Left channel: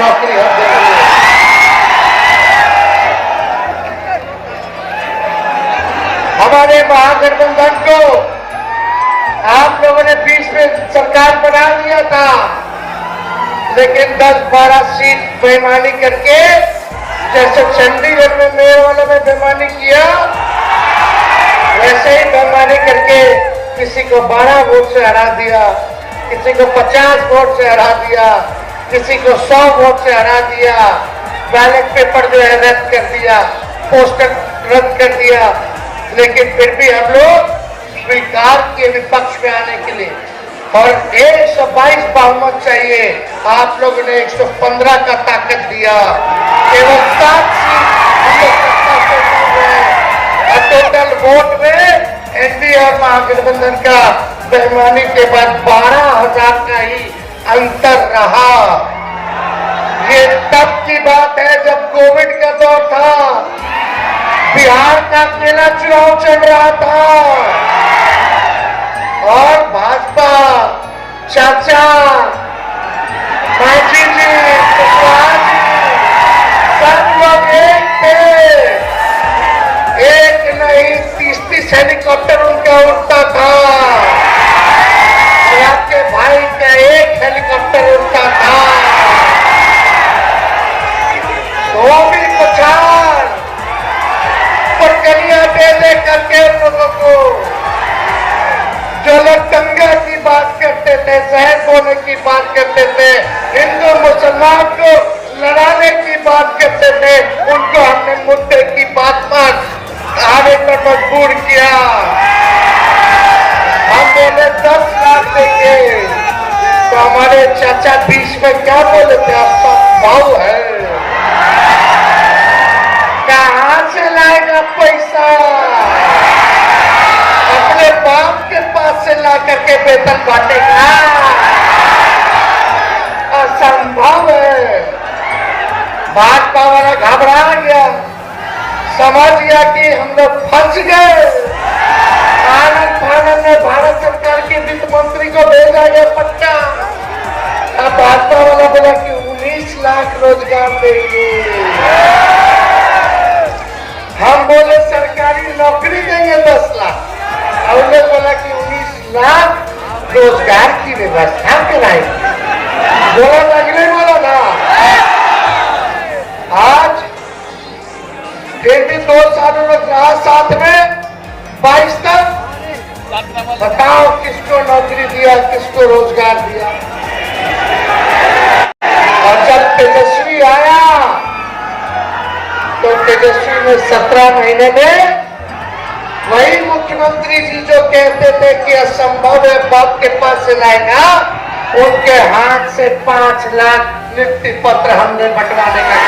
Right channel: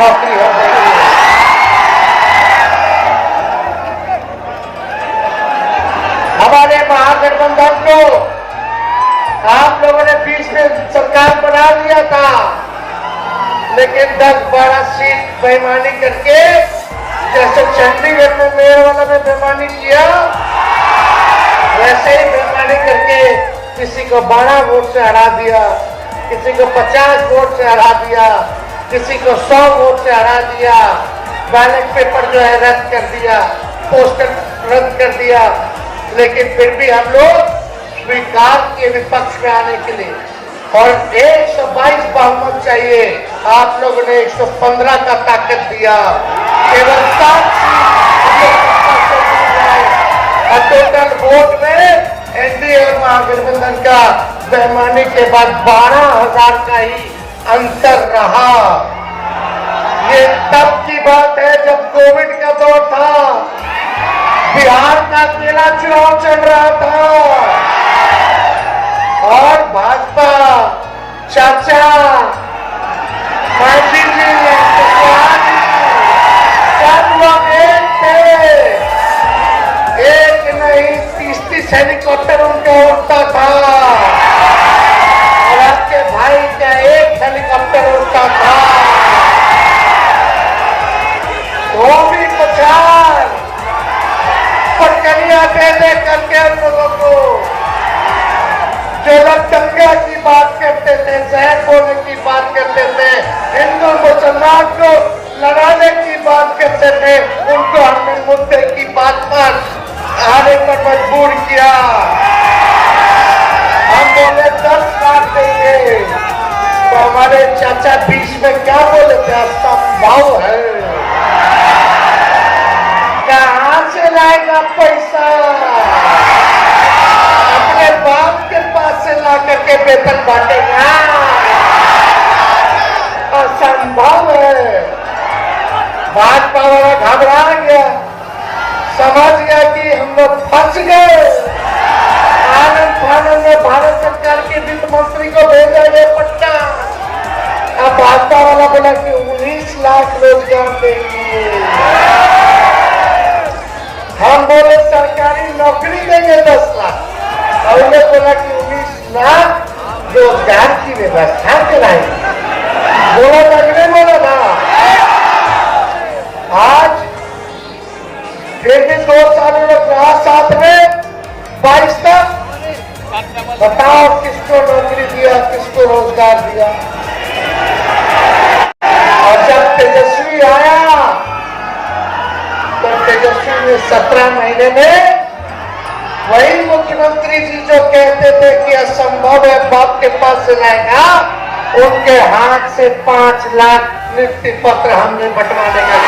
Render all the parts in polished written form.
नौकरी हर जगह है। हमारे महागठबंधन को आप लोगों ने बीच में सरकार बना लिया था, लेकिन 10-12 सीट बेईमानी करके, जैसे चंडीगढ़ में मेयर वालों ने बेईमानी किया, वैसे ही बेईमानी करके किसी को 12 वोट से हरा दिया, किसी को 50 वोट से हरा दिया, किसी को 100 वोट से हरा दिया, बैलेट पेपर जो है रद्द कर दिया, पोस्टर रद्द कर दिया। लेकिन फिर भी हम लोग स्वीकार किए विपक्ष में आने के लिए, और 122 बहुमत चाहिए। आप लोगों ने 115 का ताकत दिया, केवल 7 सीट हम लोग सत्ता से मिल गए। और टोटल वोट में एनडीए और महागठबंधन का बेईमानी के बाद 12,000 का ही अंतर रहा। ये तब की बात है जब कोविड का दौर था, बिहार का अकेला चुनाव चल रहा था, और भाजपा, चाचा, मांझी जी, सब लोग एक थे। एक नहीं 30-30 हेलीकॉप्टर उनका उड़ता था, और आपके भाई का एक हेलीकॉप्टर उड़ता था। तो भी 50 पटकनियां दे करके उन लोगों को, जो लोग दंगा की बात करते थे, जहर बोने की बात करते थे, हिंदू मुसलमान को लड़ाने की बात करते थे, उनको हमने मुद्दे की बात पर आने पर मजबूर किया। हम बोले 10 लाख देंगे, तो हमारे चाचा बीच में क्या बोले थे, आपका भाव है, कहां से लाएगा पैसा, अपने बाप के पास से ला करके वेतन बांटेगा, असंभव है। भाजपा वाला घबरा गया, समझ गया कि हम लोग फंस गए। आनंद फानंद ने भारत सरकार के वित्त मंत्री को भेजा ये पट्टा, अब भाजपा वाला बोला कि 19 लाख रोजगार देंगे। हम बोले सरकारी नौकरी देंगे 10 लाख, और उन्हें बोला कि 19 लाख रोजगार की व्यवस्था कराएंगे। बोला लगने वाला था। आज फिर भी 2 सालों में रहा साथ में 22 तक, बताओ किसको नौकरी दिया, किसको रोजगार दिया। और जब तेजस्वी आया तो तेजस्वी ने 17 महीने में वही मुख्यमंत्री जी जो कहते थे कि असंभव है बाप के पास से लाएगा, उनके हाथ से 5 लाख नियुक्ति पत्र हमने बंटवाने का।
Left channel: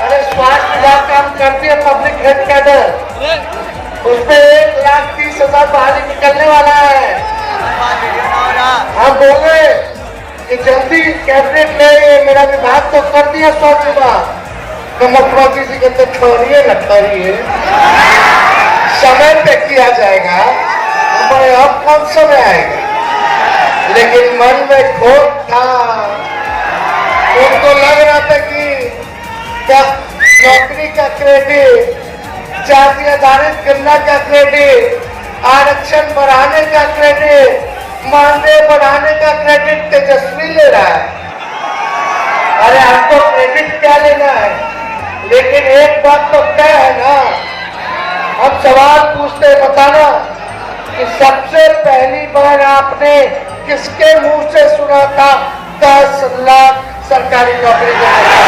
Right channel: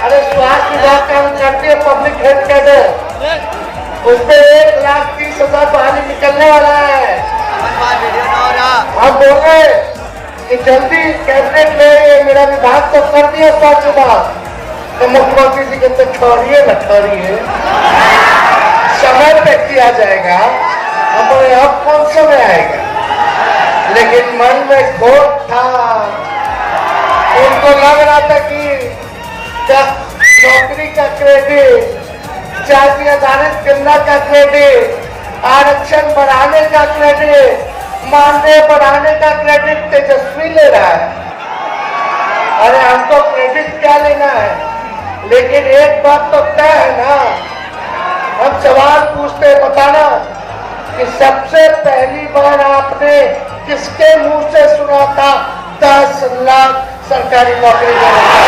अरे स्वास्थ्य विभाग काम करती है पब्लिक हेल्थ कैडर, उसमें 1,30,000 बाहर निकलने वाला है। हम बोल रहे कि जल्दी कैबिनेट में मेरा विभाग तो कर दिया स्वास्थ्य विभाग, तो मुख्यमंत्री जी कहते छोड़िए लगता रही है, समय पे किया जाएगा। हमारे अब कौन समय आएगा, लेकिन मन में खोट था। उनको लग रहा था कि नौकरी का क्रेडिट, जाति आधारित गणना का क्रेडिट, आरक्षण बढ़ाने का क्रेडिट, मानदेय बढ़ाने का क्रेडिट तेजस्वी ले रहा है। अरे हमको क्रेडिट क्या लेना है, लेकिन एक बात तो तय है ना, हम सवाल पूछते बताना कि सबसे पहली बार आपने किसके मुंह से सुना था 10 लाख सरकारी नौकरी देने का?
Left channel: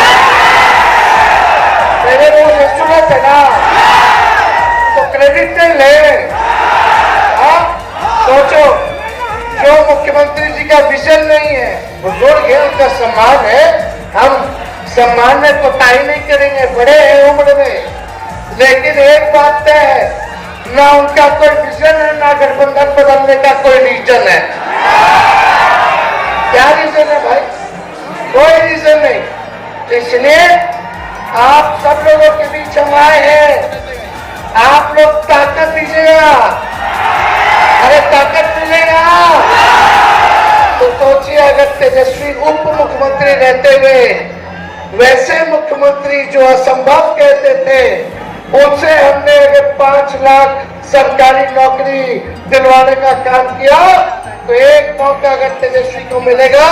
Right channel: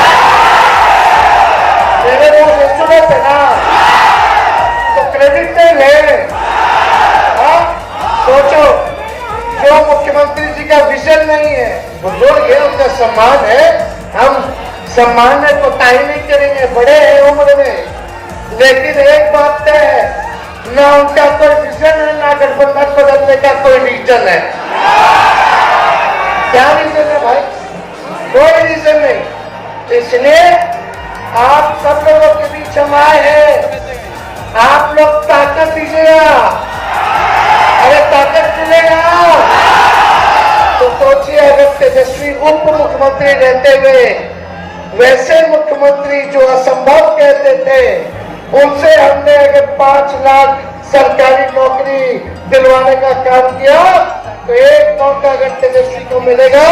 मेरे मुंह से सुने थे ना, तो क्रेडिट नहीं ले। सोचो, जो मुख्यमंत्री जी का विजन नहीं है, बुजुर्ग है, उनका सम्मान है, हम सम्मान में कोताही नहीं करेंगे, बड़े हैं उम्र में, लेकिन एक बात तय है, ना उनका कोई विजन है, ना गठबंधन बदलने का कोई रीजन है। क्या रीजन है भाई? कोई रीजन नहीं। इसलिए आप सब लोगों के बीच हम आए हैं, आप लोग ताकत दीजिएगा। अरे ताकत मिलेगा तो सोचिए, अगर तेजस्वी उप मुख्यमंत्री रहते हुए वैसे मुख्यमंत्री जो असंभव कहते थे उनसे हमने अगर 5 लाख सरकारी नौकरी दिलवाने का काम किया तो एक मौका अगर तेजस्वी को मिलेगा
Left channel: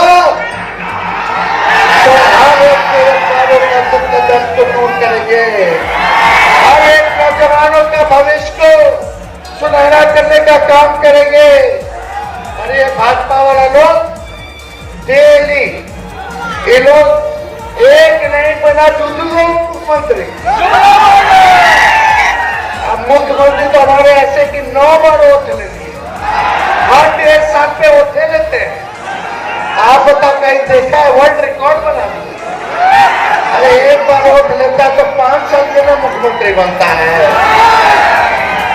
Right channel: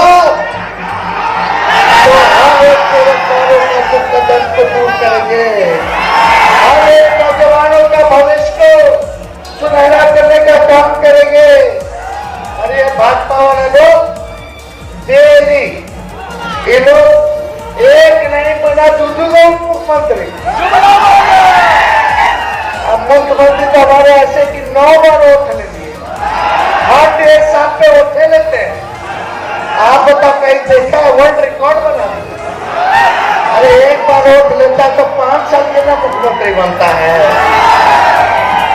तो हम एक बेरोजगारों का दुख दर्द को दूर करेंगे, हम एक नौजवानों का भविष्य को सुनहरा करने का काम करेंगे। अरे भाजपा वाले लोग डेली ये लोग एक नहीं बना दूसरे मुख्यमंत्री, अब मुख्यमंत्री तो हमारे ऐसे कि 9 बार वोट ले लिए, हर एक साथ पे वोट ले लेते हैं। आप बता कहीं देखा है वर्ल्ड रिकॉर्ड बना? अरे एक बार वोट लेता तो 5 साल के ना मुख्यमंत्री बनता है।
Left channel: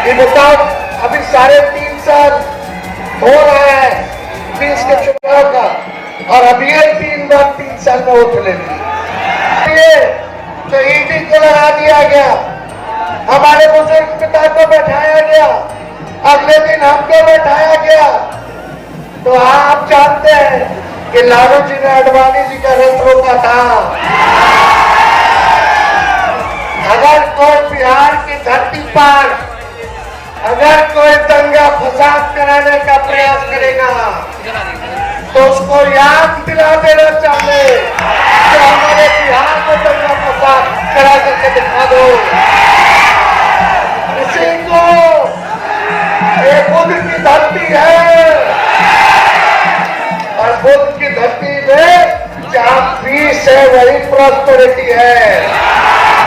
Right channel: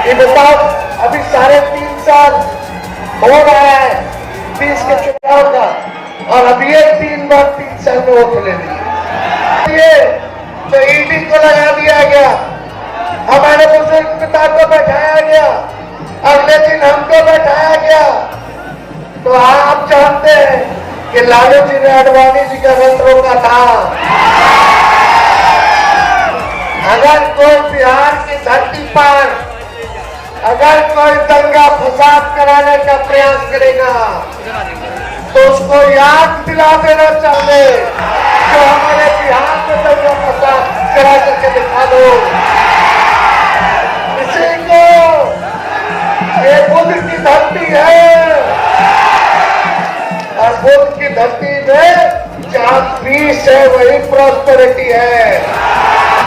ये बताओ अभी 3.5 साल हो रहा है 20 के चुनाव का और अभी ये 3 बार 3 साल में वोट ले लिए तो ईडी को लगा दिया गया, हमारे बुजुर्ग पिता को बैठाया गया, अगले दिन हमको बैठाया गया। तो आप जानते हैं कि लालू जी ने आडवाणी जी का रथ रोका था। अगर कोई बिहार की धरती पर अगर कोई दंगा फसाद कराने का प्रयास करेगा तो उसको याद दिला देना चाहिए कि हमारे बिहार में दंगा फसाद करा करके दिखा दो। इसी को ये बुद्ध की धरती है और बुद्ध की धरती में जहाँ पीस है वही प्रॉस्पेरिटी है।